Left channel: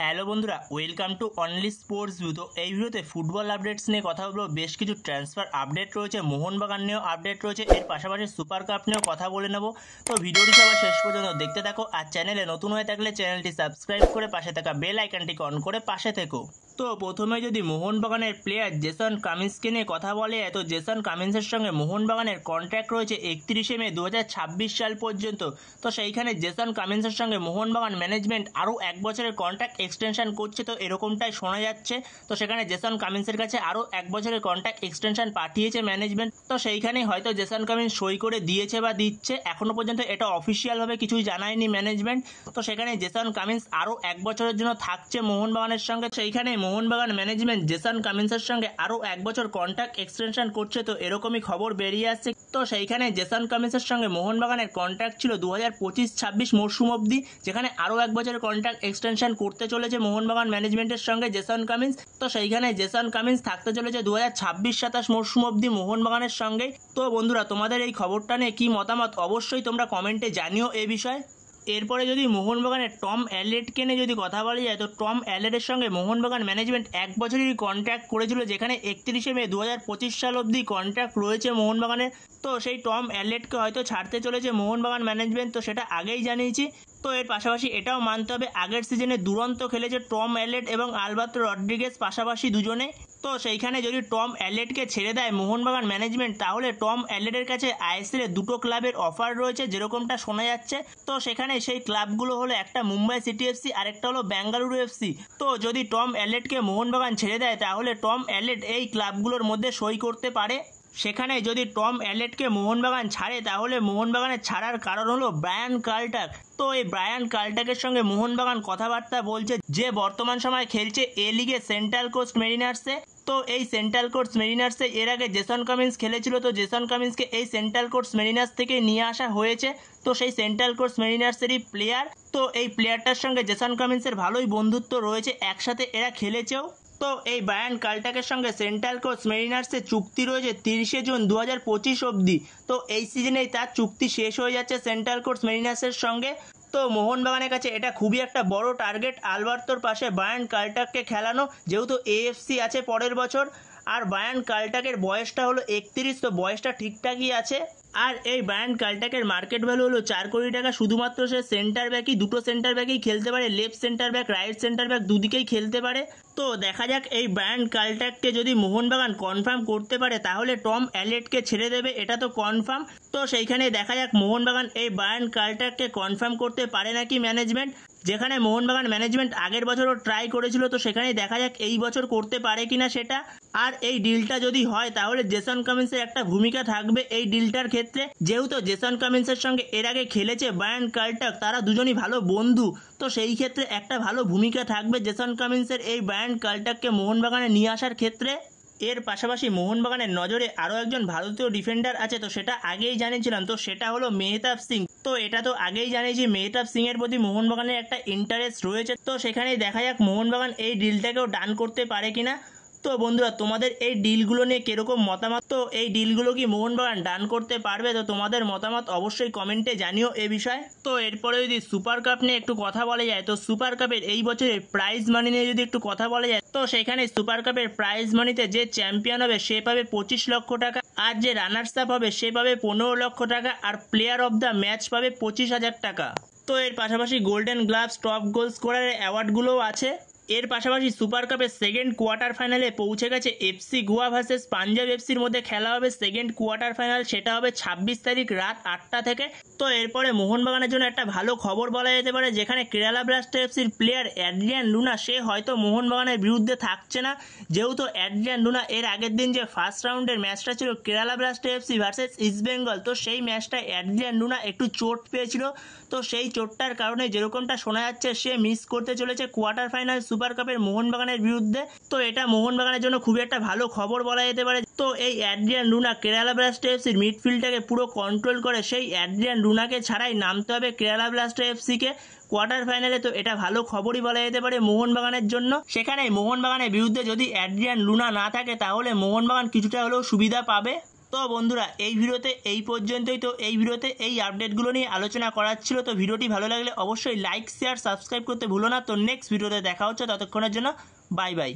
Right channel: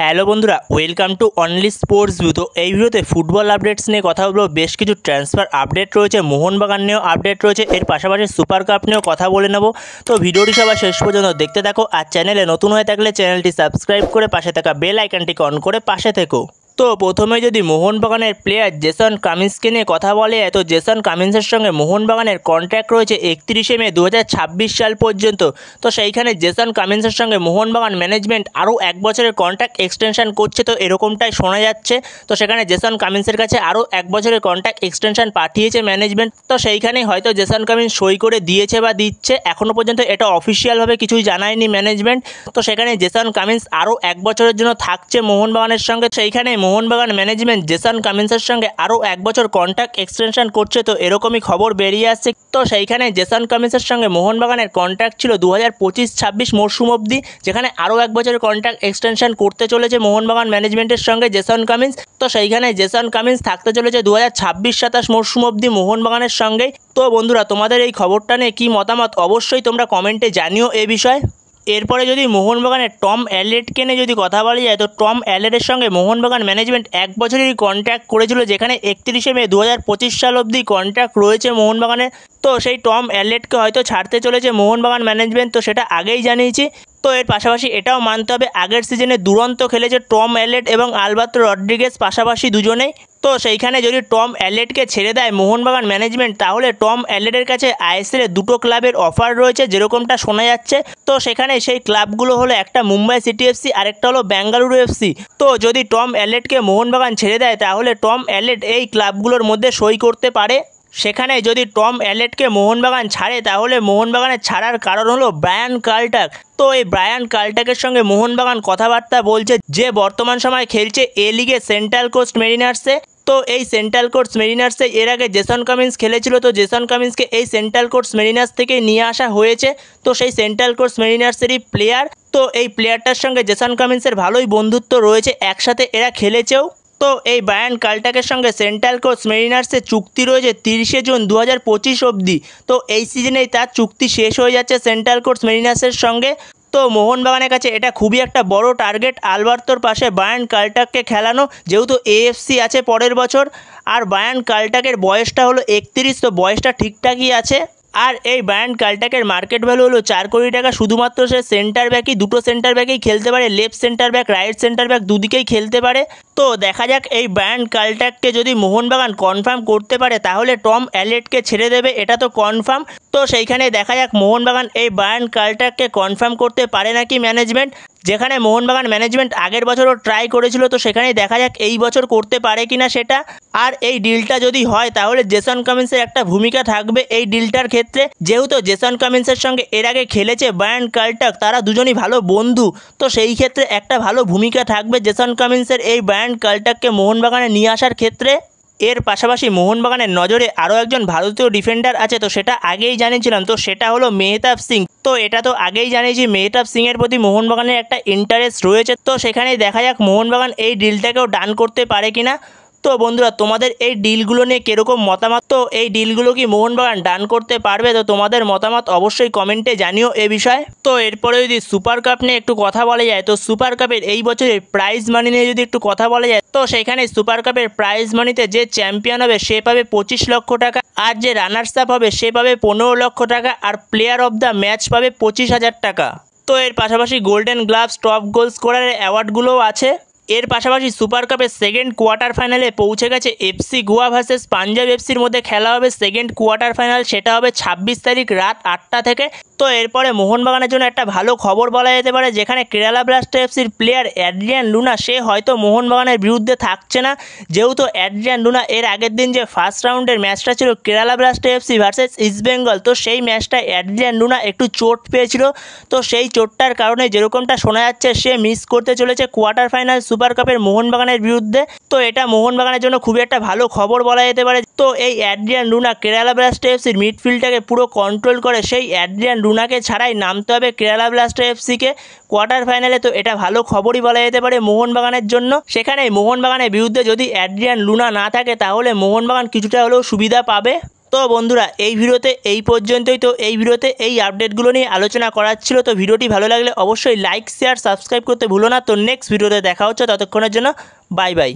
Hello বন্ধুরা, welcome to only sports view. তো এই ভিডিওতে ফুটবল আপডেটস নিয়ে কথা বলবো। বেশ কিছু ট্রান্সফার আপডেট রয়েছে, মোহনবাগান নিয়েও আপডেট রয়েছে, এর পাশাপাশি সুপার কাপ নিয়েও কথা বলে নেব। তো ভিডিওটি সবাই শেষ পর্যন্ত দেখতে থাকো, আর চ্যানেলে নতুন হয়ে থাকলে চ্যানেলটি সাবস্ক্রাইব করে পাশে থাকা বেল আইকনটিকে অন করে পাশে থেকো। তো প্রথমে যদি মোহনবাগানের প্লেয়ার জেসন কামিন্সকে নিয়ে কথা বলে, তো জেসন কামিন্সের সঙ্গে মোহনবাগানের কন্ট্রাক্ট রয়েছে 31শে মে 2026 সাল পর্যন্ত। তো সেইখানে জেসন কামিন্সের সঙ্গে মোহনবাগান ম্যানেজমেন্ট আরও 1 বছরের কন্ট্রাক্ট এক্সটেনশন করছে, তো এরকমটাই শোনা যাচ্ছে। তো সেখানে জেসন কামিন্সের কাছে আরও 1 বছরের কন্ট্রাক্ট এক্সটেনশন পাঠিয়েছে ম্যানেজমেন্ট। তো সেইখানেই হয়তো জেসন কামিন্স সই করে দিয়েছে বা দিচ্ছে, এখনও পর্যন্ত এটা অফিসিয়ালভাবে কিছুই জানায়নি ম্যানেজমেন্ট। তো সেখানে জেসন কামিন্স আরও 1 বছরের জন্য থাকছে মোহনবাগানের সঙ্গে। সেইখানে মোহনবাগান ম্যানেজমেন্ট জেসন কামিন্সের সঙ্গে আরও 1 বছর কন্ট্রাক্ট এক্সটেনশন করছে, তো এরকমই খবর বেরিয়ে আসছে। তো সেইখানে জেসন কামিন্সের সঙ্গে মোহনবাগানের কন্ট্রাক্ট ছিল 2025-26 মরশুম অবধি, যেখানে আরও 1 বছরের কন্ট্রাক্ট এক্সটেনশন করতে চলেছে মোহনবাগান ম্যানেজমেন্টের সঙ্গে জেসন কামিন্স। তো সেইখানে জেসন কামিন্স থাকতে চলেছে 2026-27 মরশুম অবধি মোহনবাগানের সঙ্গে। তো বন্ধুরা, তোমাদের এই খবরটা নিয়ে কী মতামত অবশ্যই তোমরা কমেন্টে জানিও এ বিষয়ে। এরপরে যদি মোহনবাগানের টম অ্যালেটকে নিয়ে যদি কথা বলা যায়, তো টম অ্যালেটের সঙ্গে মোহনবাগান ম্যানেজমেন্ট 1 বছরেরই কন্ট্রাক্ট করেছিল, যেখানে 31শে মে 2025 সাল অবধি কন্ট্রাক্ট রয়েছে মোহনবাগানের। তো সেই টম অ্যালেটকে হয়তো ছাড়তে চলেছে মোহনবাগান ম্যানেজমেন্ট, তো সেটা আগেই জানিয়েছি। তো এর পাশাপাশি এটাও মানতে হবে, আগের সিজনে দুরন্ত খেলেছে টম অ্যালেট এবং আলবার্তো রড্রিগেজ পাশাপাশি দুজনেই। তো সেইখানে যদি টম অ্যালেটকে ছেড়ে দেয় মোহনবাগান ম্যানেজমেন্ট, তাহলে টম অ্যালেটের কাছে আইএসএলে 2টো ক্লাবের অফার রয়েছে যেরকমটা শোনা যাচ্ছে। তো সেখানে সেই ক্লাবগুলো হলো একটা মুম্বাই সিটি এফসি, আরেকটা হলো বেঙ্গালুরু এফসি। তো যদি টম অ্যালেটকে মোহনবাগান ছেড়ে দেয়, তাহলে টম অ্যালেট এই ক্লাবগুলোর মধ্যে সই করতে পারে। সেখানে যদি টম অ্যালেটকে মোহনবাগান ছাড়ে, তাহলে মোহনবাগানের ছাড়ার কারণ হলো ব্রায়ান কার্লটাক। তো এই ব্রায়ান কার্লটাকের সঙ্গে মোহনবাগান কথাবার্তা বলছে, যে বর্তমান সময় খেলছে এ লিগে সেন্ট্রাল কোস্ট মেরিনার্সে। তো এই সেন্ট্রাল কোস্ট মেরিনার্সে এর আগে জেসন কামিন্স খেলেছিল, তো জেসন কামিন্সকে এই সেন্ট্রাল কোস্ট মেরিনার্স থেকে নিয়ে আসা হয়েছে। তো সেই সেন্ট্রাল কোস্ট মেরিনার্সেরই প্লেয়ার। তো এই প্লেয়ারটার সঙ্গে জেসন কামিন্সের ভালোই বন্ধুত্ব রয়েছে, একসাথে এরা খেলেছেও। তো এই ব্রায়ান কার্লটাকের সঙ্গে সেন্ট্রাল কোস্ট মেরিনার্সের চুক্তি রয়েছে 30শে জুন 2025 অবধি। তো এই সিজনেই তার চুক্তি শেষ হয়ে যাচ্ছে সেন্ট্রাল কোস্ট মেরিনার্সের সঙ্গে। তো মোহনবাগানের কাছে এটা খুবই একটা বড় টার্গেট, আলবার্তোর পাশে ব্রায়ান কার্লটাককে খেলানো, যেহেতু এএফসি আছে পরের বছর। আর ব্রায়ান কার্লটাকের বয়সটা হলো 31, তো বয়সটা ঠিকঠাকই আছে। আর এই ব্রায়ান কার্লটাকের মার্কেট ভ্যালু হলো 4 কোটি টাকা। শুধুমাত্র সে সেন্টার ব্যাকই, দুটো সেন্টার ব্যাকেই খেলতে পারে, left centre back, right centre back দুদিকেই খেলতে পারে। তো দেখা যাক এই ব্রায়ান কার্লটাককে যদি মোহনবাগান কনফার্ম করতে পারে, তাহলে টম অ্যালেটকে ছেড়ে দেবে, এটা তো কনফার্ম। তো সেইখানে দেখা যাক মোহনবাগান এই ব্রায়ান কার্লটাককে কনফার্ম করতে পারে নাকি ম্যানেজমেন্ট। যেখানে মোহনবাগান ম্যানেজমেন্ট আগের বছরও ট্রাই করেছিল, তো সেখানেই দেখা যাক এই বছর করতে পারে কিনা সেটা। আর এই ডিলটা যদি হয়, তাহলে জেসন কামিন্সের একটা ভূমিকা থাকবে এই ডিলটার ক্ষেত্রে, যেহেতু জেসন কামিন্সের সঙ্গে এর আগে খেলেছে ব্রায়ান কার্লটাক, তারা দুজনই ভালো বন্ধু। তো সেই ক্ষেত্রে একটা ভালো ভূমিকা থাকবে জেসন কামিন্সের এই ব্রায়ান কার্লটাককে মোহনবাগানে নিয়ে আসার ক্ষেত্রে। এর পাশাপাশি মোহনবাগানের নজরে আরও একজন ভারতীয় ডিফেন্ডার আছে, তো সেটা আগেই জানিয়েছিলাম, তো সেটা হলো মেহতাব সিং। তো এটা তো আগেই জানিয়েছি, মেহতাব সিংয়ের প্রতি মোহনবাগানের একটা ইন্টারেস্ট রয়েছে। তো সেখানেই দেখা যাক মোহনবাগান এই ডিলটাকেও ডান করতে পারে কিনা। তো বন্ধুরা, তোমাদের এই ডিলগুলো নিয়ে কীরকম মতামত? তো এই ডিলগুলো কি মোহনবাগান ডান করতে পারবে? তো তোমাদের মতামত অবশ্যই কমেন্টে জানিও এ বিষয়ে। তো এরপরে যদি সুপার কাপ নিয়ে একটু কথা বলা যায়, তো সুপার কাপের এই বছরের প্রাইজ মানি নিয়ে যদি একটু কথা বলা যায়, তো সেখানে সুপার কাপের প্রাইজ মানিতে যে চ্যাম্পিয়ন হবে সে পাবে 25 লক্ষ টাকা, আর যে রানার্স আপ হবে সে পাবে 15 লক্ষ টাকা, আর প্লেয়ার অফ দ্য ম্যাচ পাবে 25,000 টাকা। তো এর পাশাপাশি গোল্ডেন গ্লাভস, টপ গোল স্কোরারের অ্যাওয়ার্ডগুলোও আছে। এর পাশাপাশি সুপার কাপের সেকেন্ড কোয়ার্টার ফাইনালে পৌঁছে গেছে এফসি গোয়া ভার্সেস পাঞ্জাব এফসির মধ্যে খেলা হবে সেকেন্ড কোয়ার্টার ফাইনাল, সেটা হবে 26 তারিখ রাত 8টা থেকে। তো এরপরে মোহনবাগানের জন্য একটা ভালো খবর বলা যেতে পারে, যেখানে কেরালা ব্লাস্টার এফসির প্লেয়ার অ্যাড্রিয়ান লুনা সে হয়তো মোহনবাগানের বিরুদ্ধে থাকছে না, যেহেতু অ্যাড্রিয়ান লুনা এর আগের দিন যে ফার্স্ট রাউন্ডের ম্যাচটা ছিল Kerala blaster FC versus East Bengal, তো সেই ম্যাচটায় অ্যাড্রিয়ান লুনা একটু চোট পেয়েছিল। তো সেই চোটটার কারণে যেরকমটা শোনা যাচ্ছে সে মিস করতে চলেছে কোয়ার্টার ফাইনাল সুপার কাপের মোহনবাগানের বিরুদ্ধে। তো এটা মোহনবাগানের জন্য খুবই একটা ভালো খবর বলা যেতে পারে। তো এই অ্যাড্রিয়ান লুনা কেরালা ব্লাস্টার এফসির মিডফিল্ডটাকে পুরো কন্ট্রোল করে, সেই অ্যাড্রিয়ান লুনাকে ছাড়াই নামতে হবে কেরালা ব্লাস্টার এফসিকে কোয়ার্টার ফাইনালে। তো এটা ভালো খবরই বলা যেতে পারে মোহনবাগানের জন্য। সেখানে মোহনবাগানের বিরুদ্ধে যদি অ্যাড্রিয়ান লুনা না থাকে, তাহলে মোহনবাগান কিছুটা হলেও সুবিধা পাবে। তো বন্ধুরা এই ভিডিওতে এই পর্যন্তই। তো এই ভিডিওতে এই আপডেটগুলো নিয়ে আলোচনা করার ছিল। তো ভিডিওটি ভালো লাগলে অবশ্যই লাইক শেয়ার সাবস্ক্রাইব করতে ভুলো না। তো নেক্সট ভিডিওতে দেখা হচ্ছে, ততক্ষণের জন্য বাই বাই।